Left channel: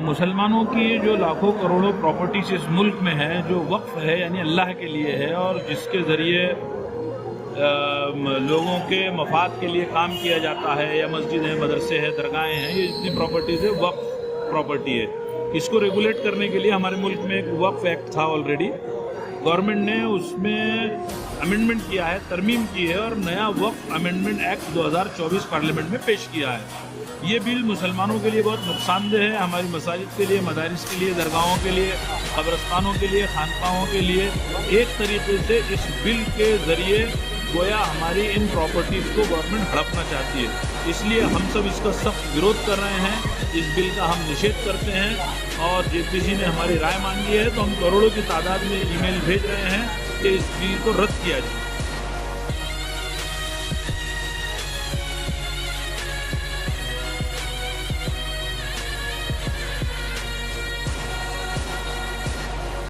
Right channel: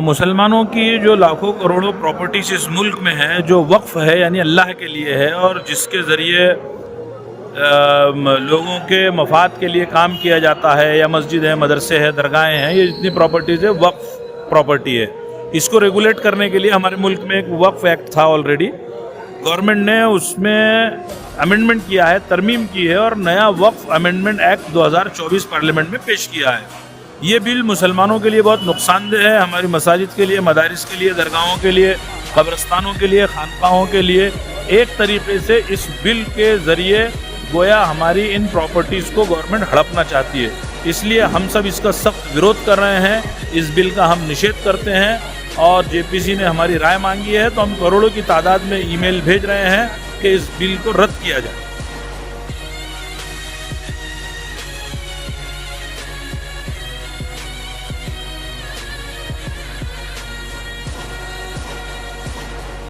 मुसलमानों की जो लाखों करोड़ों प्रॉपर्टीज इस मुल्क में है, जो वक्फ है यानी अल्लाह के लिए है और जिसके ज़रिए लोगों के मफाद के लिए काम किया जाता है, या मस्जिद है, मदरसे हैं, दरगाहें हैं, ये जितनी प्रॉपर्टीज़ है वक्फ प्रॉपर्टी है। इसको रेगुलेट करने के लिए हमारे मुल्क में एक वक्फ एक्ट था ऑलरेडी, गवर्नमेंट ने उसमें अमेंडमेंट किया है, तरमीम की है और नया वक्फ अमेंडमेंट एक्ट 2024 पार्लियामेंट में पेश किया है। ये बिल मुसलमानों के लिए बहुत नुकसानदेह है, हमारी मसाजिद के लिए, मदारिस के लिए, दरगाहों के लिए, कब्रस्तानों के लिए, खानकाहों के लिए। एक तरीके से इस बिल के ज़रिए गोया हमारी इन प्रॉपर्टीज़ को गवर्नमेंट हड़पना चाहती है, इसलिए हम सब इसका सख्त विरोध कर रहे हैं। इस बिल का हम निषेध करते हैं और जेपीसी ने हमारी राय मांगी है, तो हम करोड़ों की तादाद में ईमेल भेज रहे हैं कि इस बिल को रद्द किया जाए।